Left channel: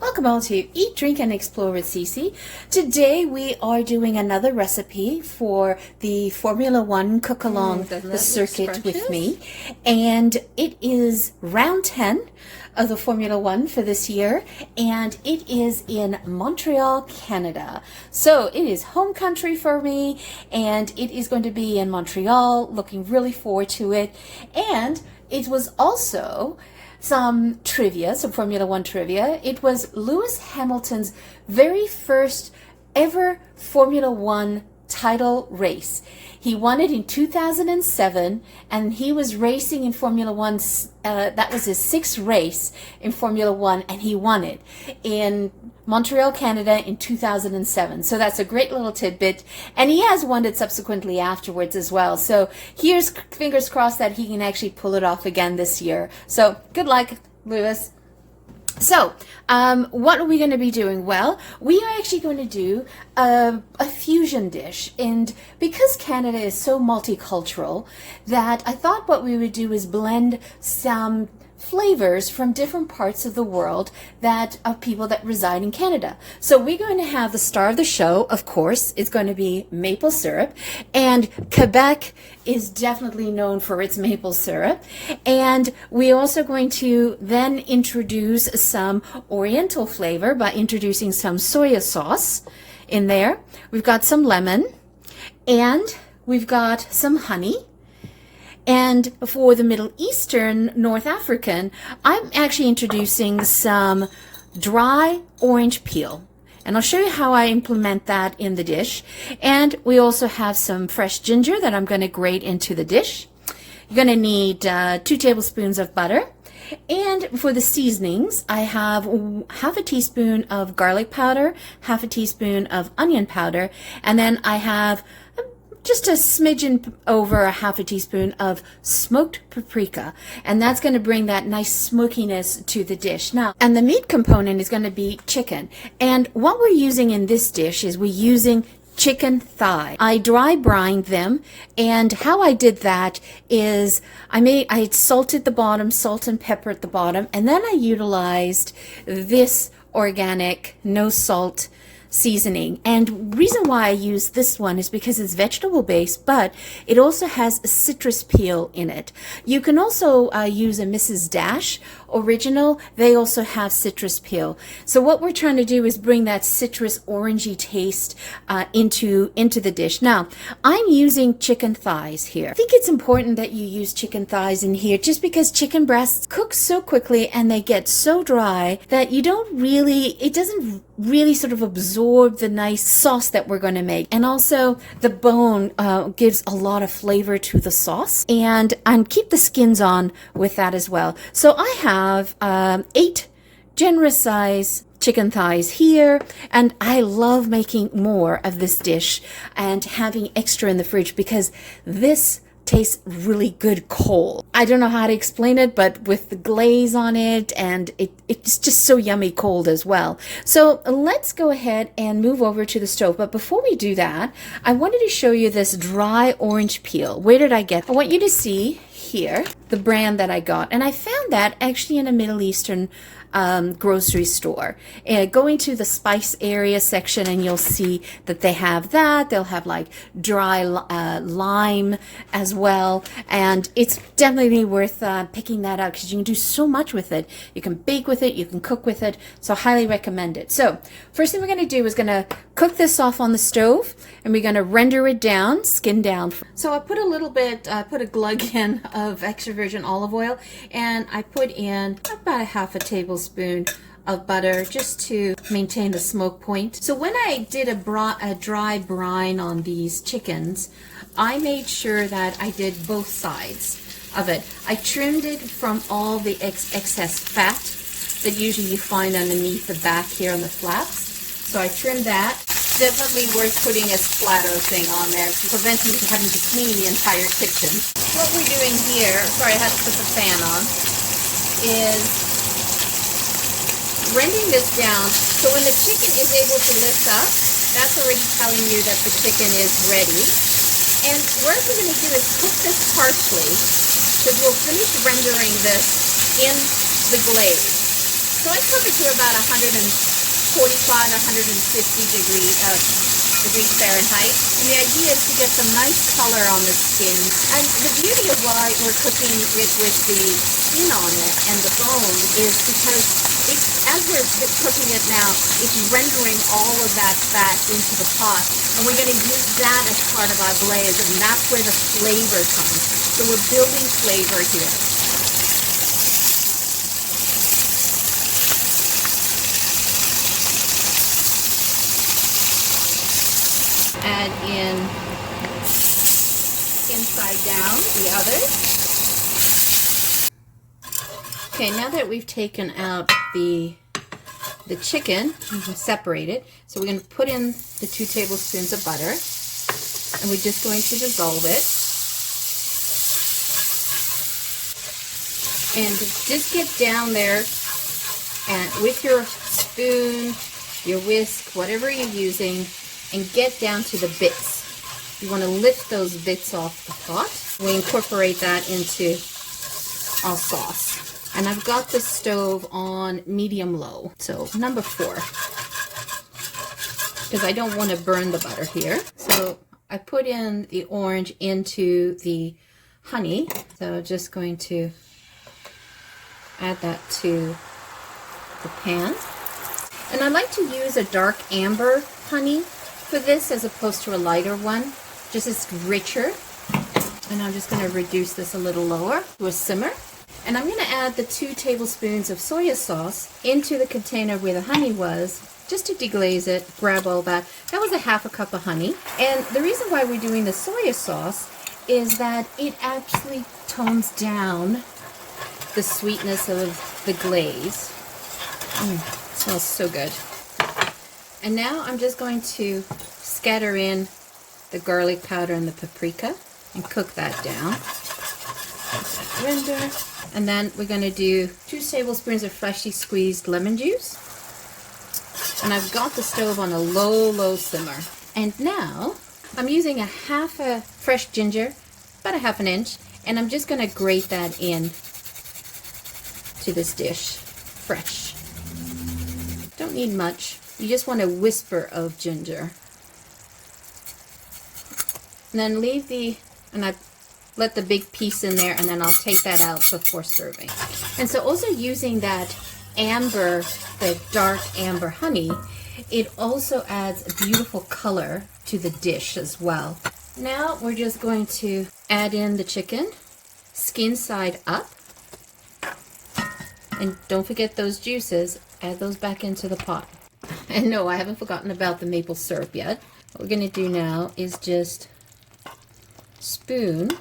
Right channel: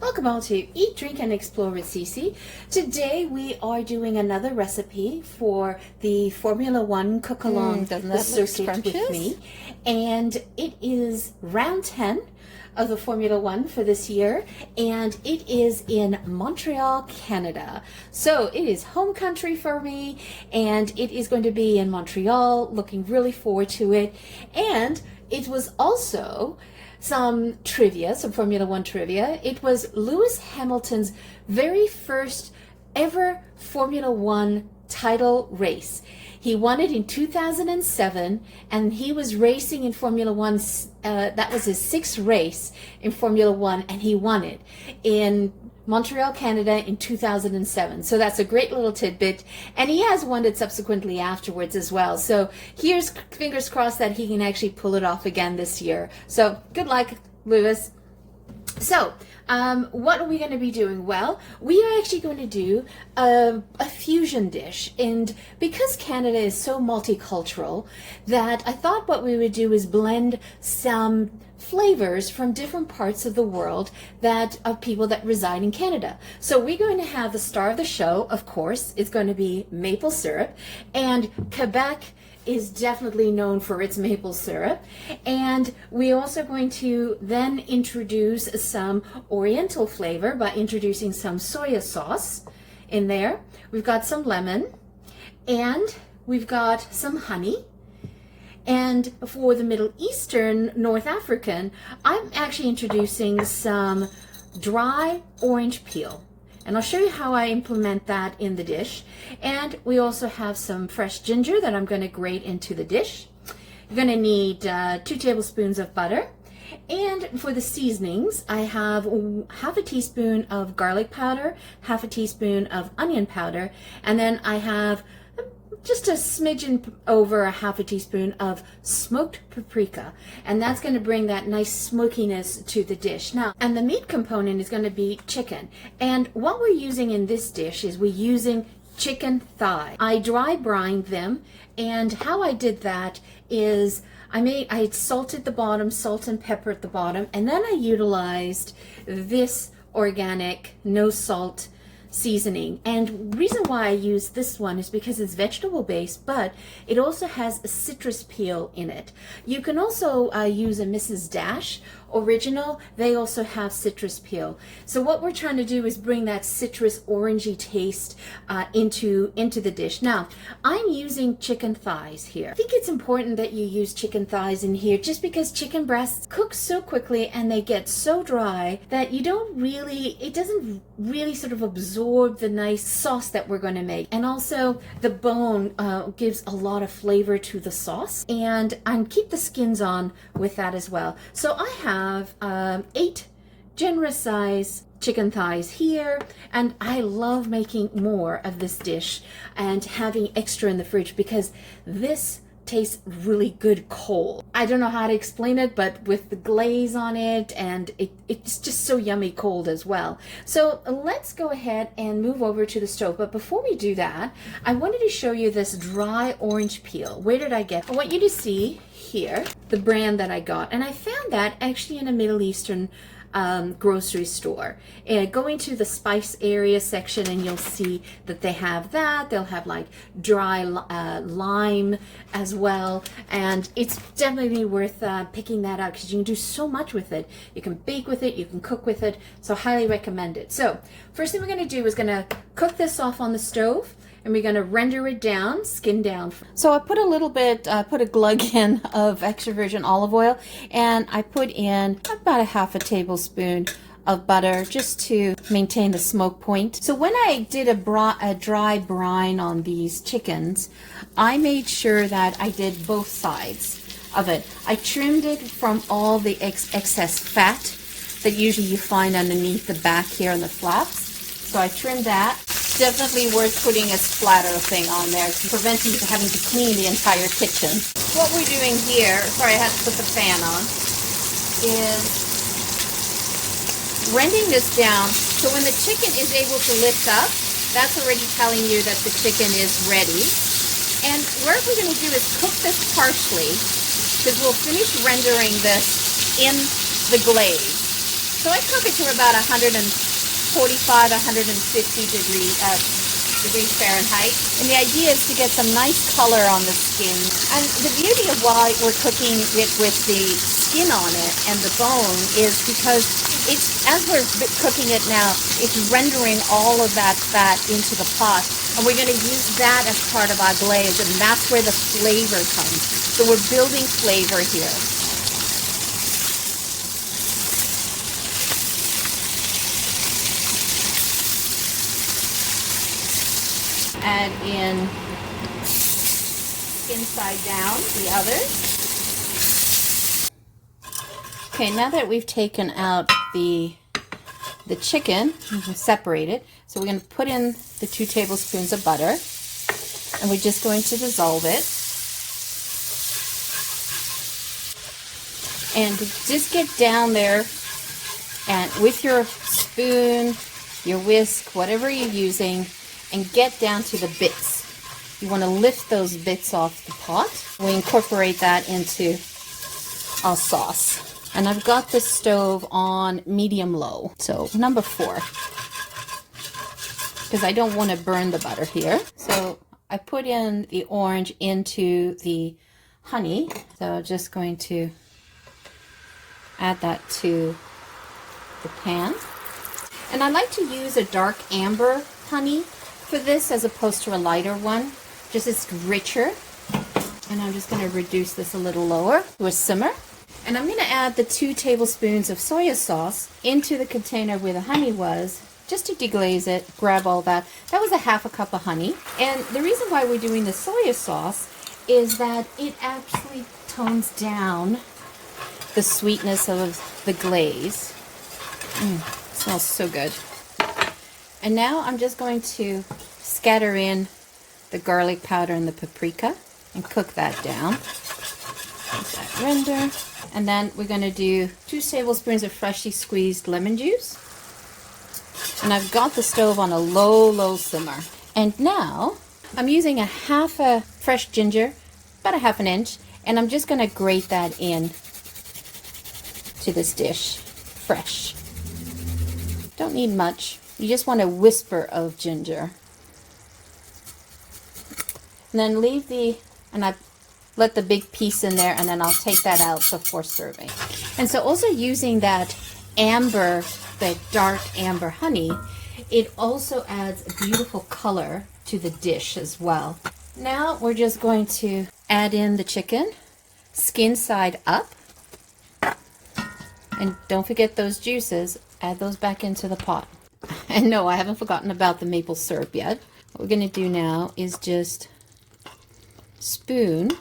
Welcome all to Eat, Drink, and Explore with Cece. Today we are doing another recipe for the Formula One cook-along the circuit with me. And it is round 10 of the Formula One for this year. And it is in Montreal, Canada. So it is home country for me. And it is going to be in Montreal. Looking really forward to it. And it was also some trivia, some Formula One trivia. It was Lewis Hamilton's very first ever Formula One title race. He won it in 2007, and he was racing in Formula One. That was his sixth race in Formula One, and he won it in Montreal, Canada in 2007. So that's a great little tidbit. And he has won it subsequently afterwards as well. So here's fingers crossed that he can actually pull it off again this year. So good luck, Lewis. So, what are we going to be doing? Well, we are actually going to do a fusion dish. And because Canada is so multicultural, that I thought what we would do is blend some flavors from different parts of the world that of people that reside in Canada. So we're going to have the star of the show, of course, it's going to be maple syrup. And Quebec is definitely known for its maple syrup. And we're also going to then introduce some oriental flavor by introducing some soya sauce in there. We've got some lemon, and we've got some honey. And for the Middle Eastern, North African, I'm actually introducing some dry orange peel. And I'll show you how I implement that in the dish. And we also have some fresh ginger that I'm going to grate into the dish. You're going to need 2 tablespoons of butter. And for the seasonings, I have half a teaspoon of garlic powder, half a teaspoon of onion powder, and then I have just a smidgen over a half a teaspoon of smoked paprika, and that's going to bring that nice smokiness to the dish. Now, and the meat component is going to be chicken, and what we're using in this dish is we're using chicken thigh. I dry brined them, and how I did that is I salted the bottom, salt and pepper at the bottom, and then I utilized this organic no salt seasoning. And reason why I use this one is because it's vegetable based, but it also has a citrus peel in it. You can also use a Mrs. Dash original. They also have citrus peel. So what we're trying to do is bring that citrus orangey taste into the dish. Now, I'm using chicken thighs here. I think it's important that you use chicken thighs in here just because chicken breasts cook so quickly and they get so dry that it doesn't really sort of absorb the nice sauce that we're going to make. And also the bone gives a lot of flavor to the sauce, and keep the skins on with that as well. So I have 8 generous size chicken thighs here, and I love making more of this dish and having extra in the fridge because this tastes really good cold. I don't know how to explain it, but with the glaze on it, and it's just so yummy cold as well. So let's go ahead and move over to the stove. But before we do that, I wanted to show you this dry orange peel. Where did I get it? I want you to see here the brand that I got, and I found that actually in a Middle Eastern grocery store. Go into the spice area section and you'll see that they have that. They'll have like dry lime as well, and it's definitely worth picking that up because you can do so much with it. You can bake with it, you can cook with it, so highly recommend it. So first thing we're going to do is going to cook this off on the stove, and we're going to render it down, skin down. So I put a little bit, put a glug in of extra virgin olive oil, and I put in about a half a tablespoon of butter just to maintain the smoke point. So when I did a dry brine on these chickens, I made sure that I did both sides of it. I trimmed it from all the excess fat that usually you find underneath the back here in the flaps. So I trimmed that. Definitely worth putting a splatter thing on there to prevent you from having to clean the entire kitchen. What we're doing here, sorry I have to put the fan on, is rending this down. So when the chicken is able to lift up, that's already telling you that the chicken is ready. And what we're going to do is cook this partially, because we'll finish rendering this in the glaze. So I cook it to about 145, 150 degrees Fahrenheit. And the idea is to get some nice color on the skin. And the beauty of why we're cooking it with the skin on it and the bone is because as we're cooking it now, it's rendering all of that fat into the pot. And we're going to use that as part of our glaze, and that's where the flavor comes. So we're building flavor here. Add in inside down the other. Okay, now that we've taken out the chicken, we can separate it. So we're going to put in the 2 tablespoons of butter, and we're just going to dissolve it. And just get down there and with your spoon, your whisk, whatever you're using, and get down to the bits. You want to lift those bits off the pot. We incorporate that into our sauce. And I've got the stove on medium-low, so number 4, because I don't want to burn the butter here. So I put in the orange into the honey, so I'm just going to add that to the pan. And I like to use a dark amber honey for this as opposed to a lighter one, just it's richer. And I'm just going to reduce this a little lower to a simmer. And I'm going to add the 2 tablespoons of soy sauce into the container where the honey was, just to deglaze it, grab all that. That was a half a cup of honey. And the reason why we're doing the soy sauce is that it actually tones down the sweetness of the glaze. It smells so good. And now I'm just going to scatter in the garlic powder and the paprika and cook that down. Let that render. And then we're going to do 2 tablespoons of freshly squeezed lemon juice. And I've got the stove on a low simmer. And now I'm using a half a fresh ginger, about a half an inch, and I'm just going to grate that in to this dish, fresh. Don't need much. You just want a whisper of ginger. And then leave I let the big piece in there, and then I'll take that out before serving. And so also using that amber, the dark amber honey, it also adds a beautiful color to the dish as well. Now we're just going to add in the chicken, skin side up. And don't forget those juices, add those back into the pot. And no, I haven't forgotten about the maple syrup yet. What we're going to do now is just spoon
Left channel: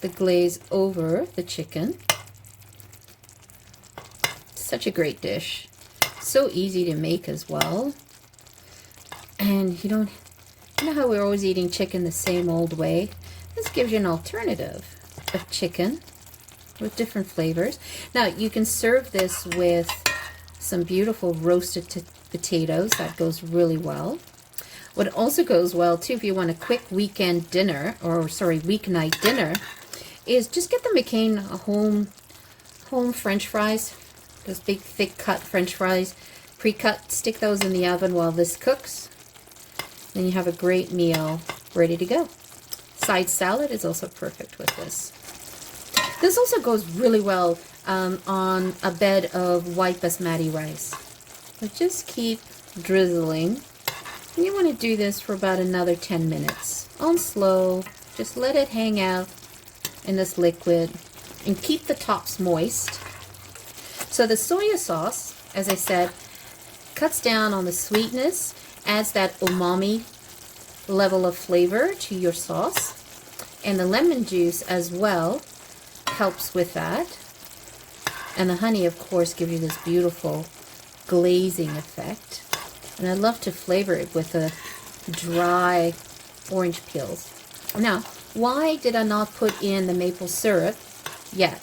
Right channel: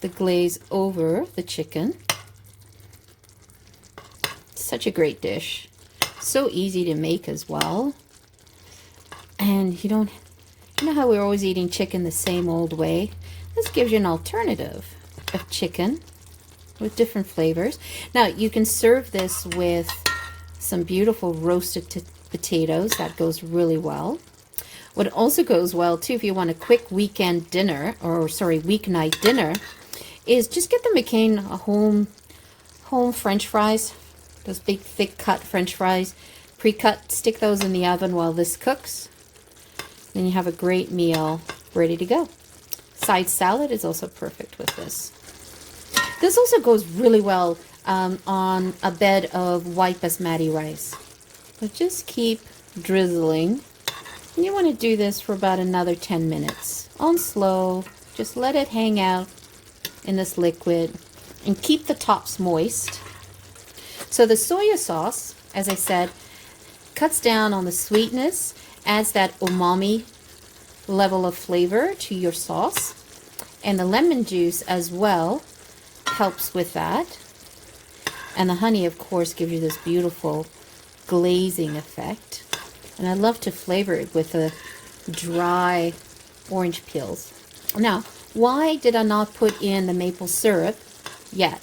the glaze over the chicken. Such a great dish. So easy to make as well. And you know how we're always eating chicken the same old way? This gives you an alternative of chicken with different flavors. Now you can serve this with some beautiful roasted potatoes. That goes really well. What also goes well too, if you want a quick weekend dinner, weeknight dinner, is just get the McCain home French fries. Those big thick cut French fries, pre-cut. Stick those in the oven while this cooks. Then you have a great meal ready to go. Side salad is also perfect with this. This also goes really well on a bed of white basmati rice. So just keep drizzling. And you want to do this for about another 10 minutes. On slow, just let it hang out in this liquid and keep the tops moist. So the soy sauce, as I said, cuts down on the sweetness, adds that umami level of flavor to your sauce. And the lemon juice as well helps with that. And the honey, of course, gives you this beautiful glazing effect. And I love to flavor it with the dry orange peels. Now, why did I not put in the maple syrup yet?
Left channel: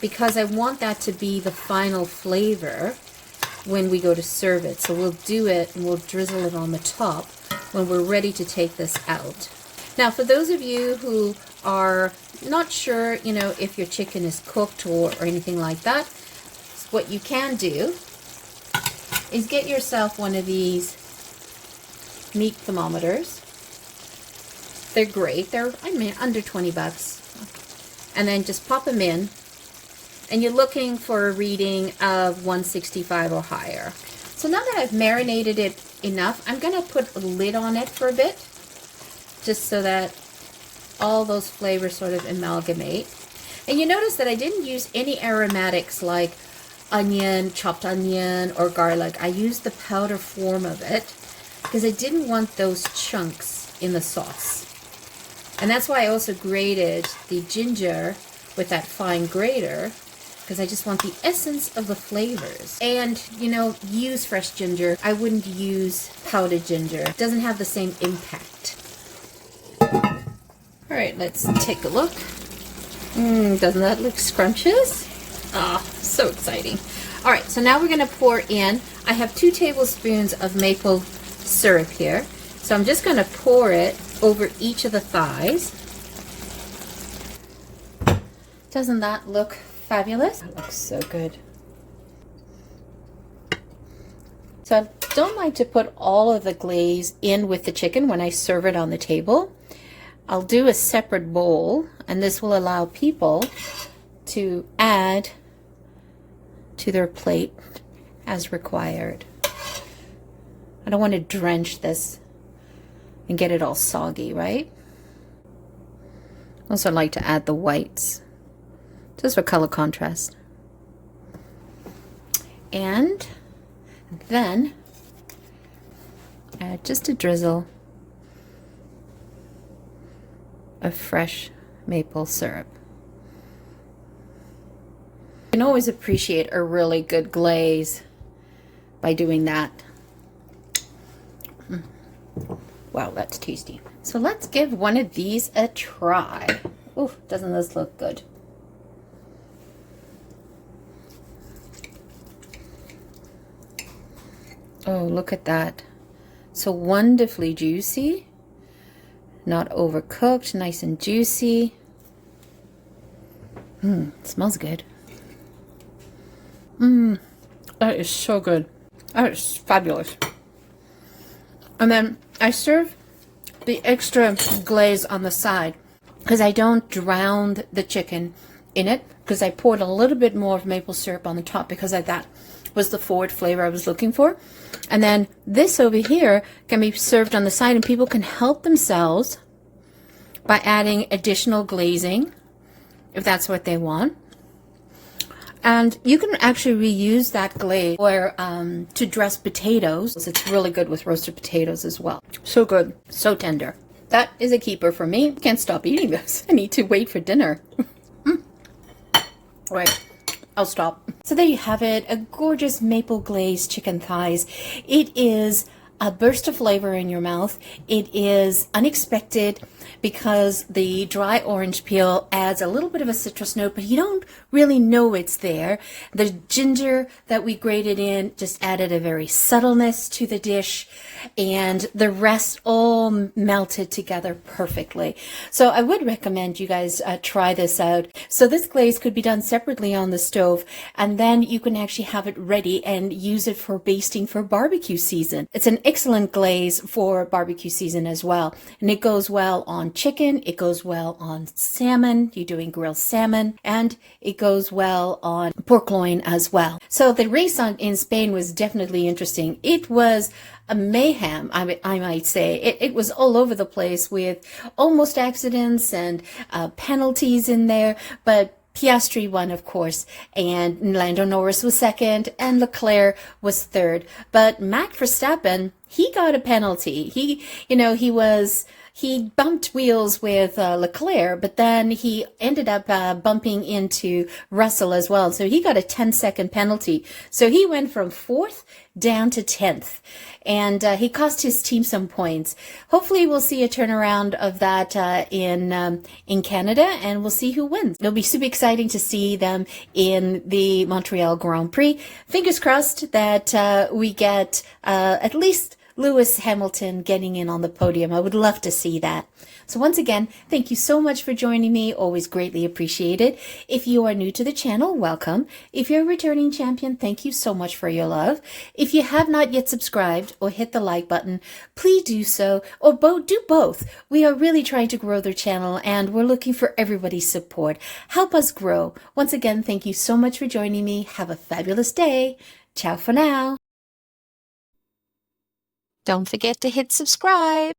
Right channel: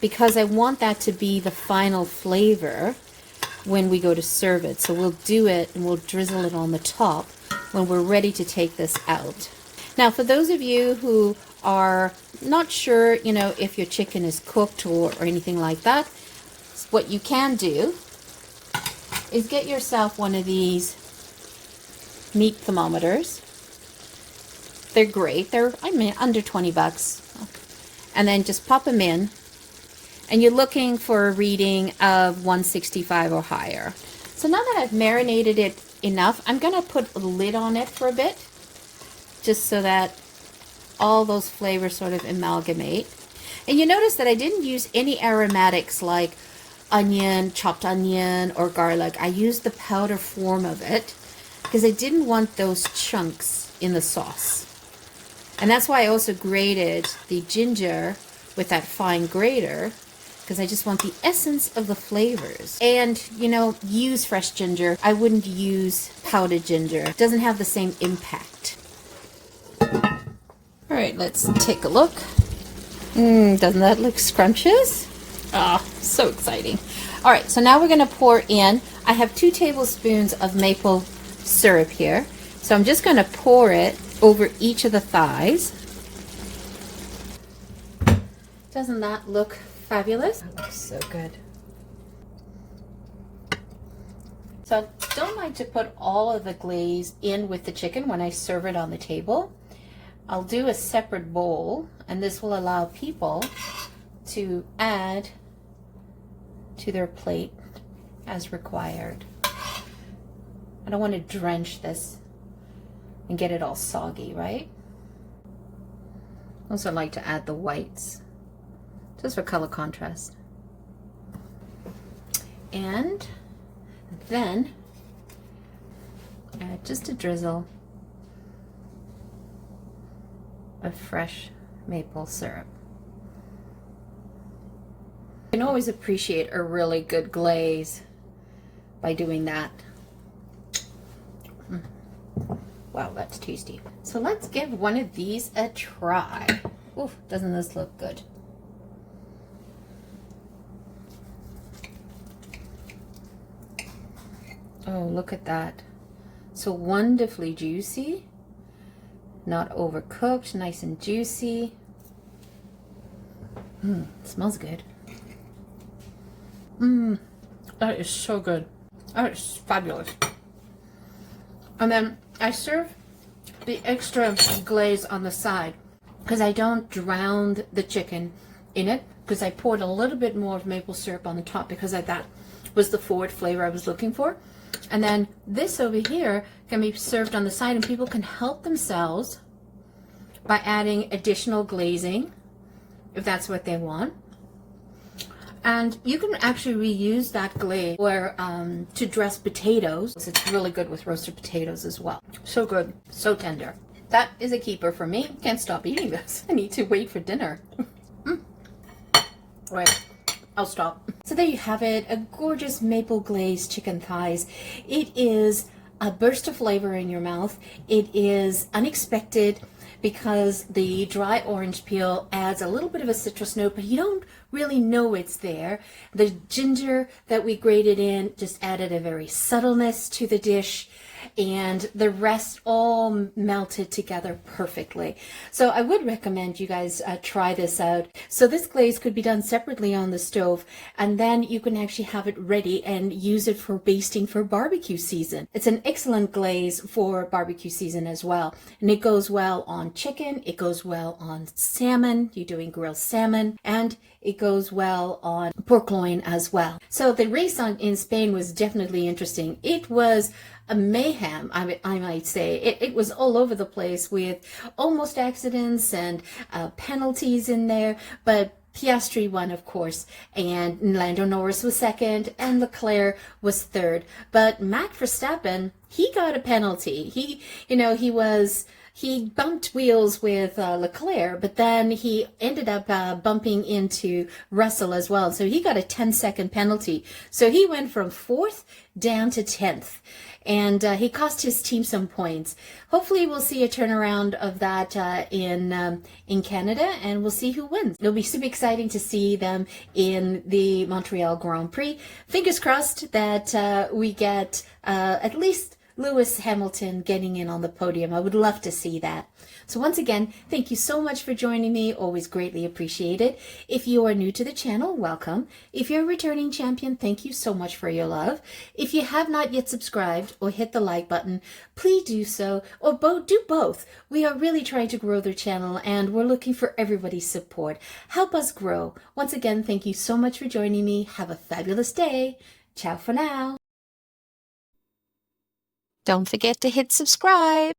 Because I want that to be the final flavor when we go to serve it. So we'll do it and we'll drizzle it on the top when we're ready to take this out. Now, for those of you who are not sure, if your chicken is cooked or anything like that, what you can do is get yourself one of these meat thermometers. They're great. They're, I mean, under 20 bucks. And then just pop them in. And you're looking for a reading of 165 or higher. So now that I've marinated it enough, I'm going to put a lid on it for a bit, just so that all those flavors sort of amalgamate. And you notice that I didn't use any aromatics like onion, chopped onion, or garlic. I used the powder form of it because I didn't want those chunks in the sauce. And that's why I also grated the ginger with that fine grater, because I just want the essence of the flavors. And, you know, use fresh ginger. I wouldn't use powdered ginger. It doesn't have the same impact. All right, let's take a look. Doesn't that look scrumptious? Ah, so exciting. All right, so now we're gonna pour in. I have 2 tablespoons of maple syrup here. So I'm just gonna pour it over each of the thighs. Doesn't that look fabulous? That looks so good. So I don't like to put all of the glaze in with the chicken when I serve it on the table. I'll do a separate bowl, and this will allow people to add to their plate as required. I don't want to drench this and get it all soggy, right? Also, I like to add the whites just for color contrast. And then add just a drizzle of fresh maple syrup. You can always appreciate a really good glaze by doing that. Wow, that's tasty. So let's give one of these a try. Ooh, doesn't this look good? Oh, look at that. So wonderfully juicy. Not overcooked, nice and juicy. Smells good. That is so good. That is fabulous. And then I serve the extra glaze on the side because I don't drown the chicken in it, because I poured a little bit more of maple syrup on the top because that was the forward flavor I was looking for. And then this over here can be served on the side, and people can help themselves by adding additional glazing if that's what they want. And you can actually reuse that glaze or to dress potatoes. It's really good with roasted potatoes as well. So good, so tender. That is a keeper for me. Can't stop eating this. I need to wait for dinner. Right, I'll stop. So there you have it, a gorgeous maple glazed chicken thighs. It is a burst of flavor in your mouth. It is unexpected because the dry orange peel adds a little bit of a citrus note, but you don't really know it's there. The ginger that we grated in just added a very subtleness to the dish, and the rest all melted together perfectly. So I would recommend you guys try this out. So this glaze could be done separately on the stove, and then you can actually have it ready and use it for basting for barbecue season. It's an excellent glaze for barbecue season as well, and it goes well on chicken, it goes well on salmon, you're doing grilled salmon, and it goes well on pork loin as well. So the race in Spain was definitely interesting. It was a mayhem, I might say. It was all over the place with almost accidents and penalties in there, but Piastri won, of course, and Lando Norris was second, and Leclerc was third. But Max Verstappen, he got a penalty. He bumped wheels with Leclerc, but then he ended up bumping into Russell as well. So he got a 10-second penalty. So he went from 4th down to 10th. And he cost his team some points. Hopefully we'll see a turnaround of that in Canada, and we'll see who wins. It'll be super exciting to see them in the Montreal Grand Prix. Fingers crossed that we get at least Lewis Hamilton getting in on the podium. I would love to see that. So once again, thank you so much for joining me. Always greatly appreciated. If you are new to the channel, welcome. If you're a returning champion, thank you so much for your love. If you have not yet subscribed or hit the like button, please do so, or do both. We are really trying to grow the channel and we're looking for everybody's support. Help us grow. Once again, thank you so much for joining me. Have a fabulous day. Ciao for now. Don't forget to hit subscribe.